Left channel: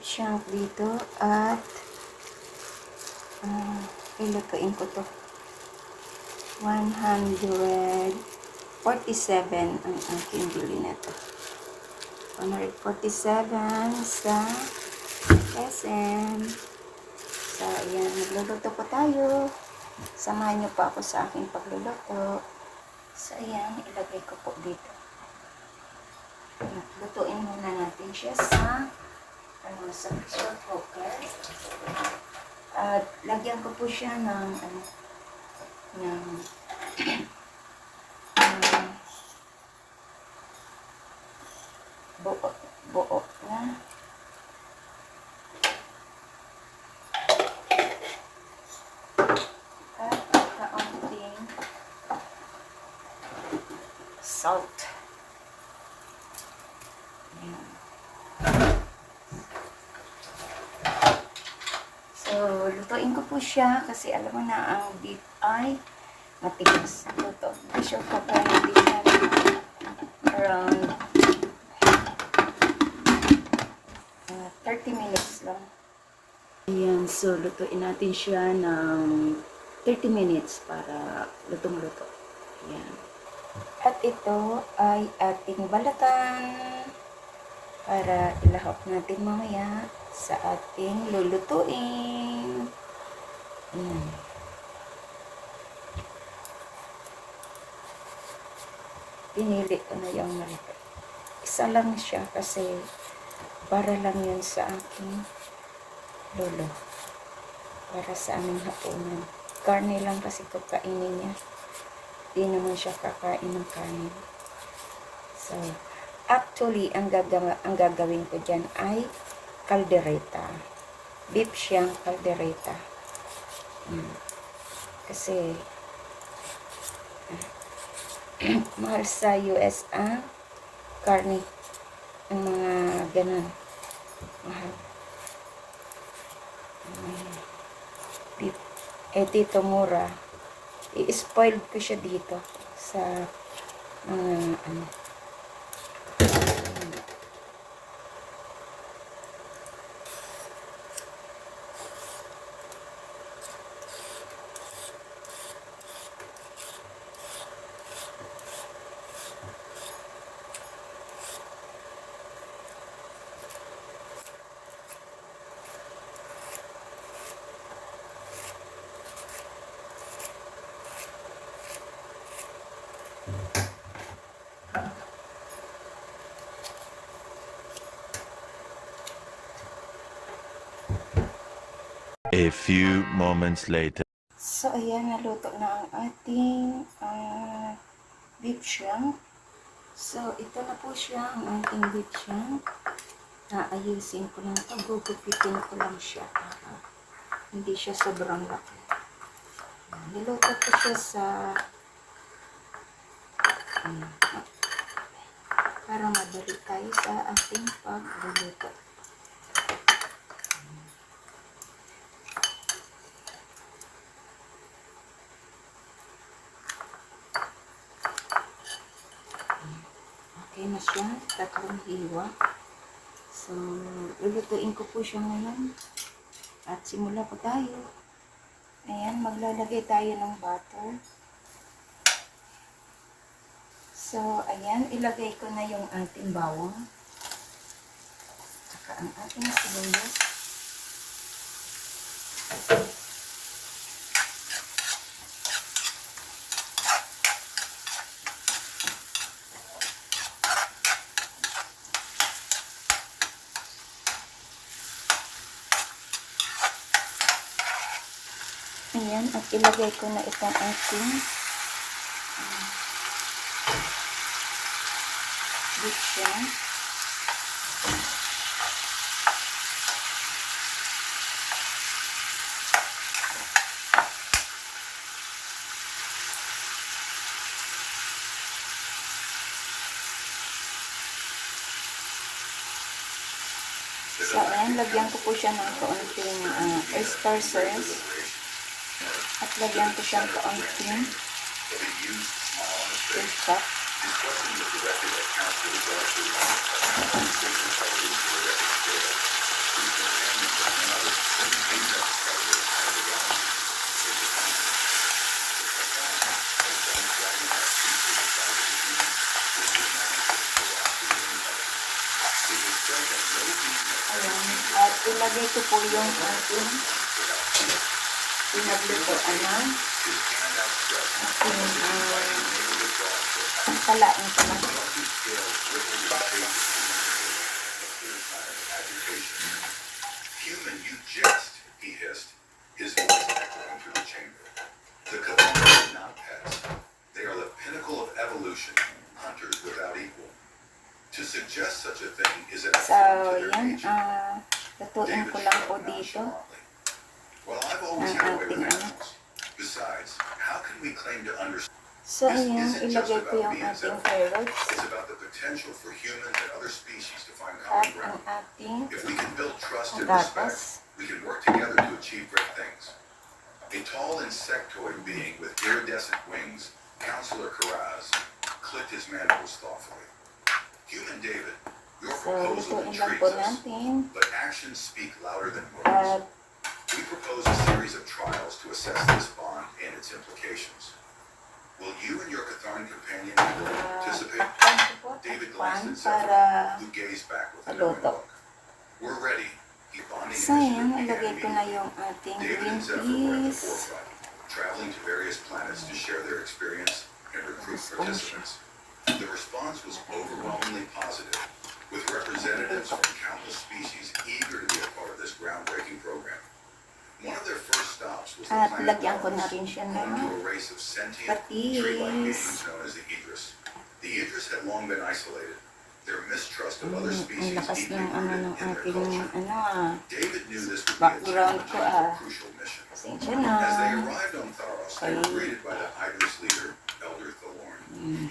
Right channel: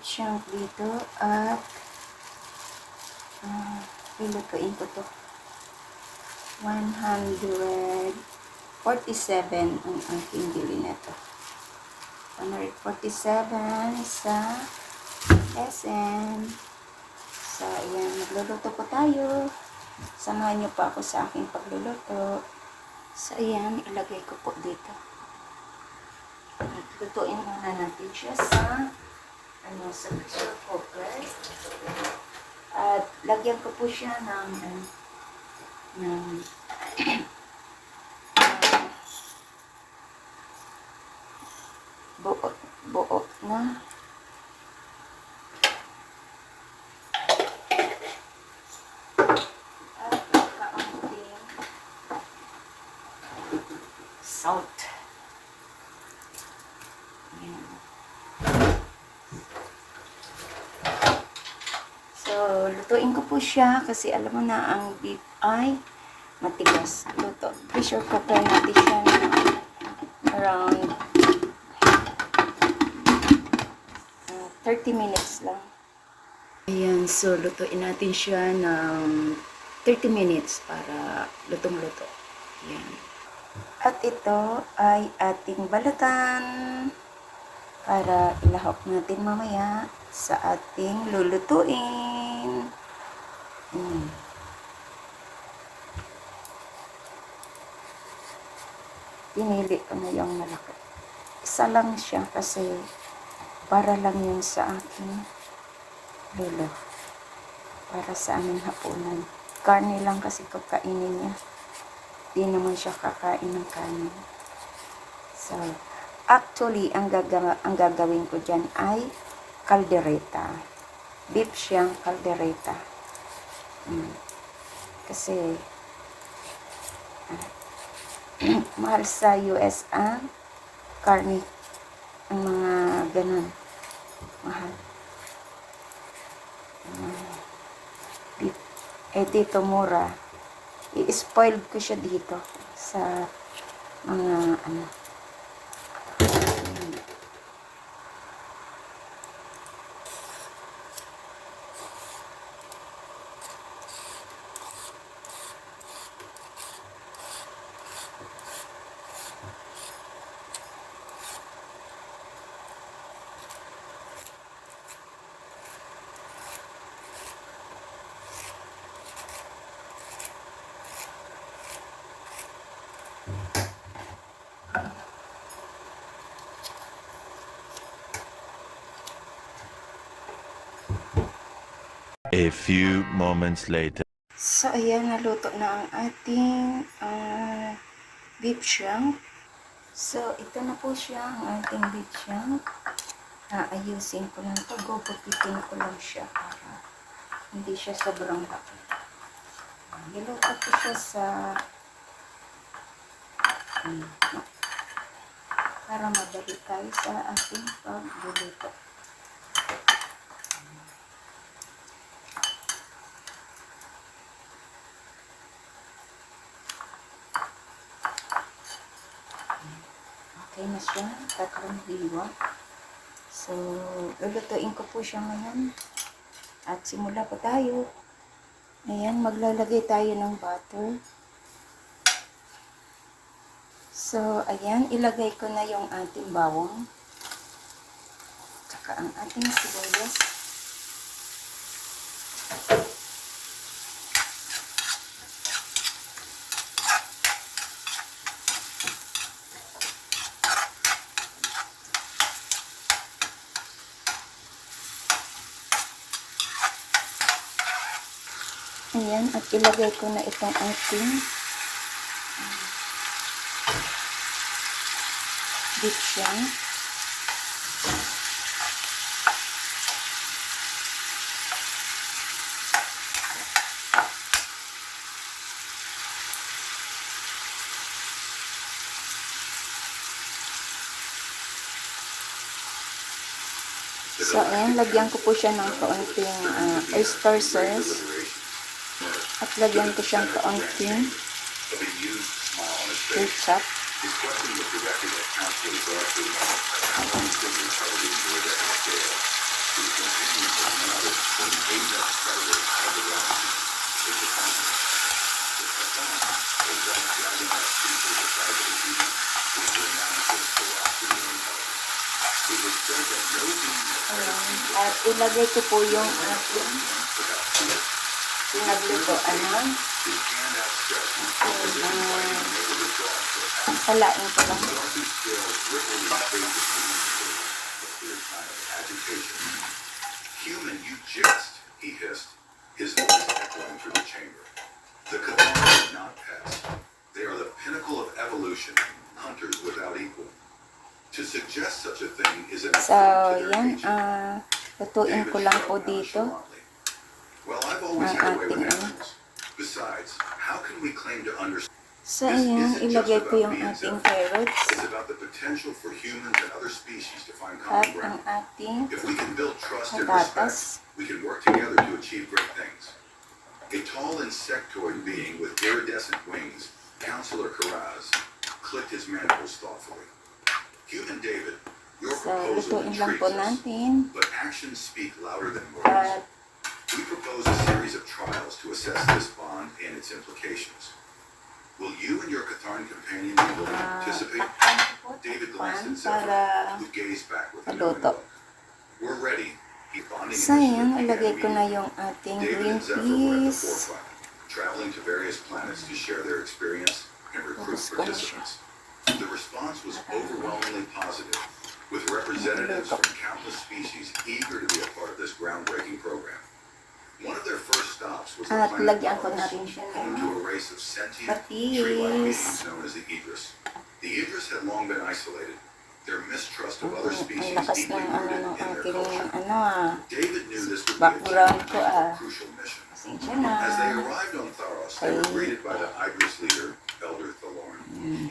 beef shank dito at ilutuin ko to. 147 ang aking bili na to. 147 sa SM. So, ayan, magluluto po tayo. Samahan nyo pa ako sa aking pagluluto. So, ayan, ilagay ko po dito. Lutuin muna natin siya sa sa pressure cooker. At lagyan ko po siya ng buo na at kaunting salt. Ayan. So, lutuin ko po siya kasi alam mo na ang beef ay matigas. Ito, pressure cooker natin siya around 30 minutes lang. Ayan, so lutuin natin siya ng 30 minutes para lutong-luto. Ayan. At ito ay ating balatan para ilahok natin mamaya sa ating lulutuin. Pinili ko na yung malaki. Isa lang siya kasi para lang yun sa aking lolo. Para sa aming hapunan. Karne lang kasi kakainin niya. Di naman siya kakain ng kanin. So, actually, ang gagawin ko dyan ay caldereta. Beef siyang caldereta. Kasi, mahal sa US ang karne. Ang mga ganun. Mahal. Beef. Eh, dito mura. I-spoiled ko siya dito sa mga A few moments later. So, ayan, naluto na ang ating beef shank. So, ito na po siya, ang ating beef shank. Ayusin ko lang ito. Gugupitin ko lang siya para hindi siya sobrang laki. Niluto ko siya sa para madali tayo sa ating pagluluto. Okay na siya, 3 hiwa. So, lulutuin ko po siya ngayon. At simula po tayo. Ayan, maglalagay tayo ng butter. So, ayan, ilagay ko na yung ating bawang. Tsaka ang ating sibuyas. Ayan, at ilagay ko na itong ating beef shank. So, ayan, lagyan ko po siya ng kaunting oyster sauce. At lagyan ko siyang kaunting ketchup. Ayan. At ilagay ko po yung ating pinaglutoan ng salain ko lang. Human, you jest, he hissed, his voice echoing through the chamber. The Cathars are not pets. They are the pinnacle of evolution, hunters without equal. To suggest such a thing is an So, affront to their yan. nature. Lutuin ko lang po dito. Well, I've always ang had a way with ating animals. Besides, how can we claim to understand? So, ayan. Ilagay ko yung ating carrots. It's about the potential for humans and other species to find At common ang ground. ating If we can build trust and patatas. respect, we can work together to achieve great things. A tall insectoid being with iridescent wings, Counselor Karaz, clicked his mandibles thoughtfully. Human David, your So, proposal lutuin lang intrigues po us, natin. but actions speak louder than At words. We propose a series of trials to assess this bond and its implications. Will you and your Catharn companion be willing to participate? takpan ko po. David Takpan glanced at para Zephyr, who gazed back with a knowing maluto. look. We're ready. The bonding So, ayan. initiative Ilagay began ko na immediately. yung ating David green and Zephyr were at the peas. forefront, traveling to various planets to share their experience and recruit Gusto ko na siya. participants. The response was overwhelmingly positive, with representatives from countless species eager to be a part of this groundbreaking program. One of their first stops was the At planet lagyan ko na Mars, rin siya home to ng a race of sentient, patis. tree-like beings known as the Idris. The Idris had long been isolated, their mistrust of other Ang species lakas deeply ng rooted ng in their aking culture. David knew this would be a background ko, challenging, crucial mission. Pasensya na. As they arrived on Tharos, they were Okay. greeted by the Idris leader, Elder Thalorn.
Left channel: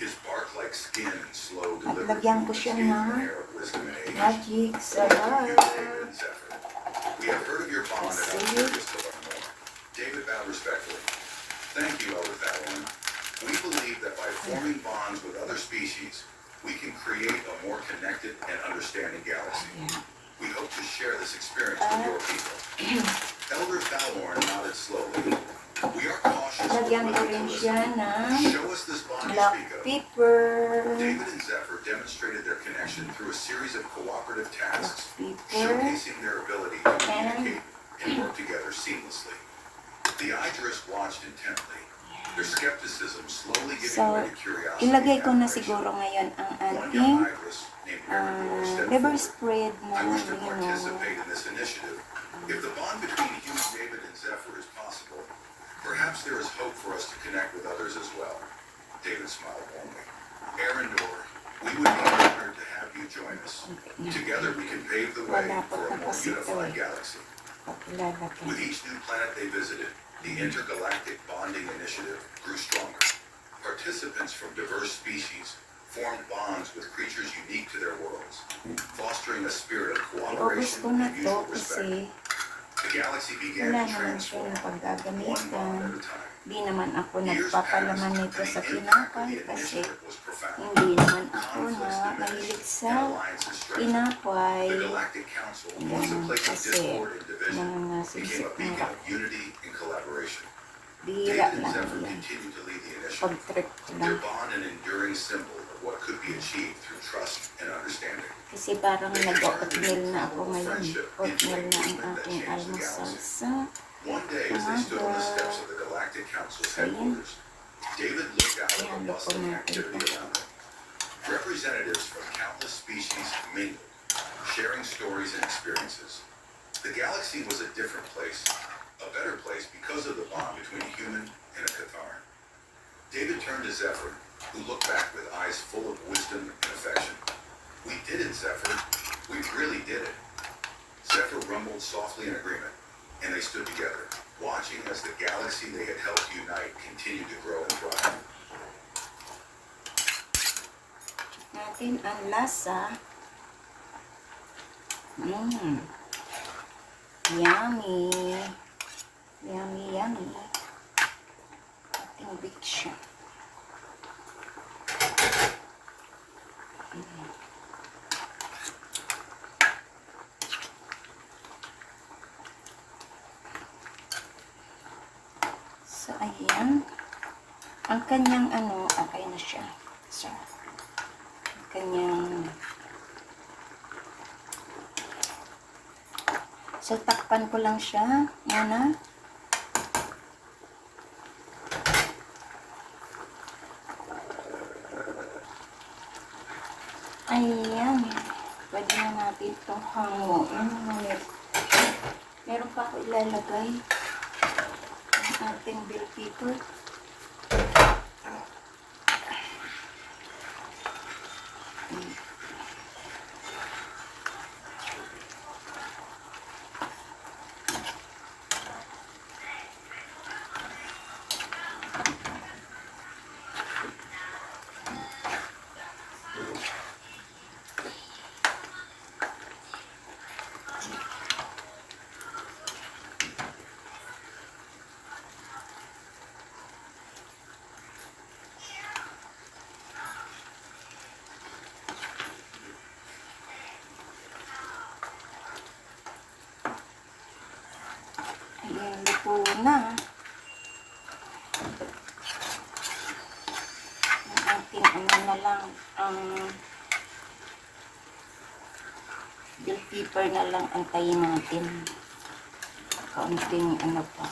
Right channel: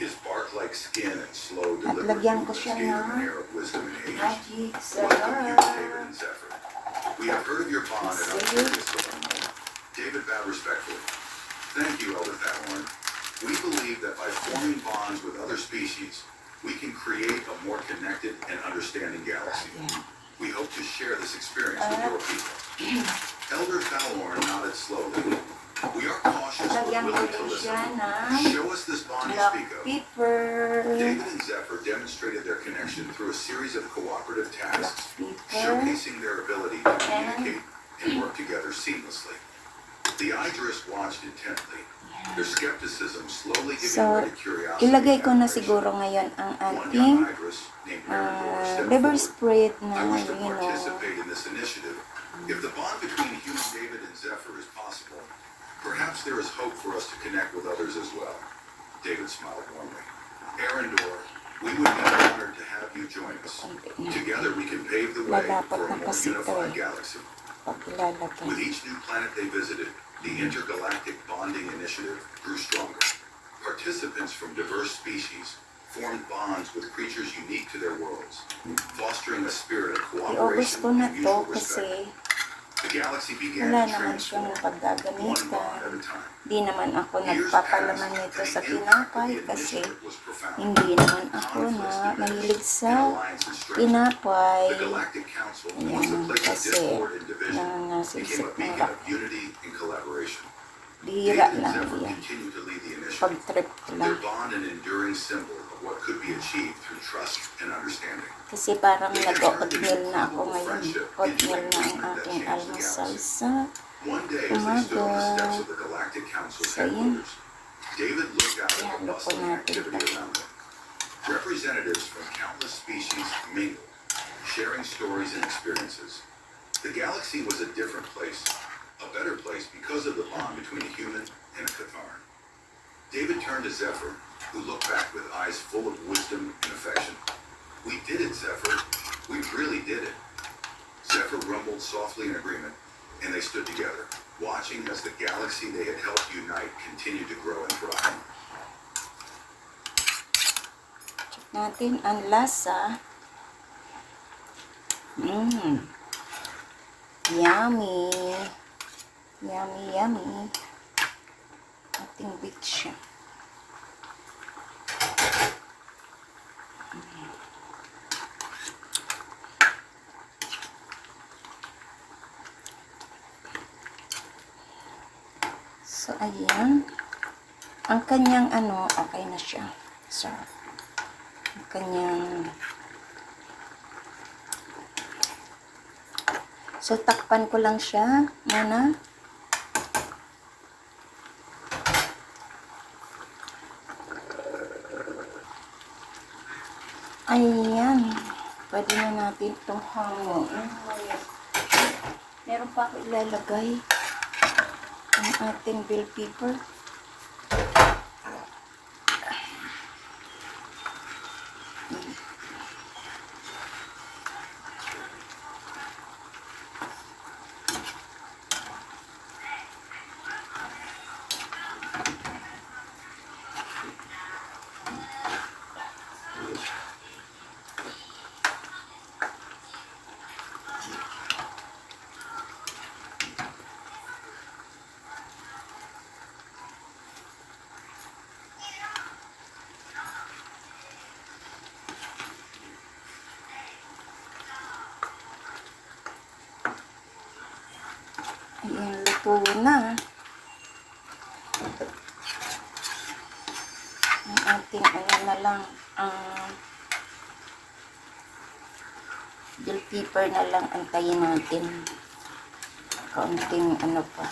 His bark-like skin and slow At delivery lagyan ko movements siya gave him ng an air of wisdom and age. magic Welcome you, sarap. David and Zephyr. We have heard of your bond and are curious to learn more. David bowed respectfully. Thank you, Elder Thalorn. We believe that by forming bonds with other species, we can create a more connected and understanding galaxy. Ayan. We hope to share this experience with your people. Elder Thalorn nodded slowly. We are cautious but Lagyan ko willing to rin listen. siya ng Show us this bond you black speak of. pepper. David and Zephyr demonstrated their connection through a series of cooperative Black tasks, pepper. showcasing their ability to communicate and work together seamlessly. The Idris watched intently, their skepticism slowly giving So, way to curiosity. ilagay ko and na admiration. siguro ngayon ang One ating young Idris named Arendor stepped liver forward. spread na I wish to yun. participate in this initiative. If the bond between human David and Zephyr is possible, perhaps there is hope for us to connect with others as well. David smiled warmly. Arendor, we would be honored to have you join us. Together we can pave the way for a more unified galaxy. Paglalagay. With each new planet they visited, the intergalactic bonding initiative grew stronger. Participants from diverse species formed bonds with creatures unique to their worlds, fostering a spirit of I-obos cooperation ko na and to mutual kasi respect. The galaxy began wala to naman siya transform, na one bond at paggagamitan. a time. Di naman ako Years nagpapalaman passed, nito and sa the impact of tinapay the kasi initiative was profound. hindi naman ako na Conflicts mahilig diminished, sa and alliances strengthened. tinapay. The Galactic Council, once a Yan, place of kasi discord and division, became a nangasisip beacon na of unity and collaboration. bihira David and lang Zephyr yan. continued to lead the initiative. Pag-trip ko Their lang. bond an enduring symbol of what could be achieved through trust and understanding. Kasi parang nag-oatmeal na ako ngayon. Oatmeal na ang aking almusal sa One day, as they stood on the steps of the Galactic Council's So, yun. headquarters, David looked out at the Ihalo ko bustling natin activity ito. around them. Representatives from countless species mingled, sharing stories and experiences. The galaxy was a different place, a better place because of the bond between a human and a Cathar. David turned to Zephyr, who looked back with eyes full of wisdom and affection. We did it, Zephyr. We really did it. Zephyr rumbled softly in agreement, and they stood together, watching as the galaxy they had helped unite continued to grow and thrive. check natin ang lasa. Yummy. Yummy, yummy. Ating big siya. So, ayan. Ang kanyang okay na siya. So, ang kanyang... So, takpan ko lang siya muna. Ayan. Pwede na natin itong hanguin. Meron pa ako ilalagay ang ating bell pepper. Ayan, luto na. Ang ating na lang, ang bell pepper na lang antayin natin. Kaunting pa.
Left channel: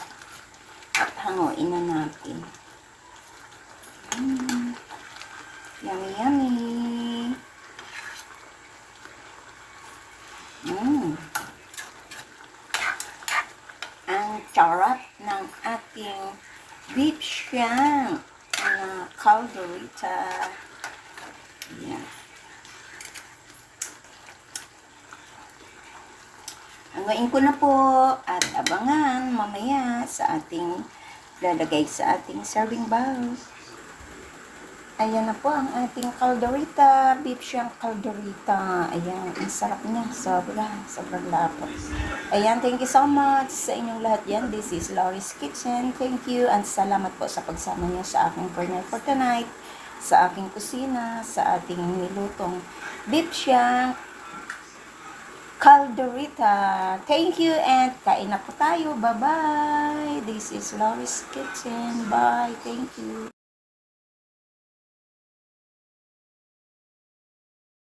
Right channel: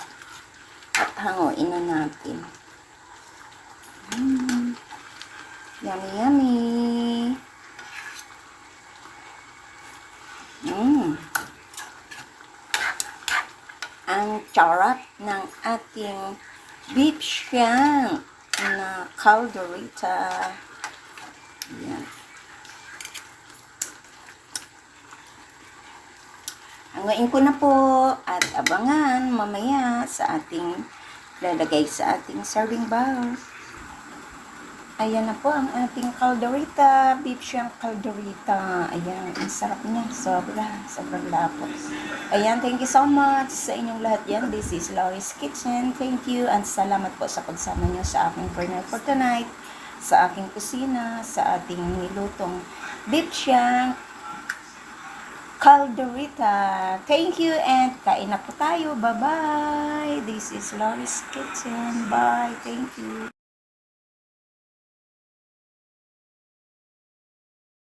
At hanguin na natin. Yummy, yummy. Ang charap ng ating beef shank na calderita. Ayan. Hanguin ko na po at abangan mamaya sa ating lalagay sa ating serving bowl. Ayan na po ang ating calderita, beef shank calderita. Ayan, ang sarap niya. Sobrang lapot. Ayan, thank you so much sa inyong lahat yan. This is Laurie's Kitchen. Thank you and salamat po sa pagsama niyo sa aking night for tonight, sa aking kusina, sa ating nilutong beef shank calderita. Thank you and kain na po tayo. Bye-bye. This is Laurie's Kitchen. Bye. Thank you.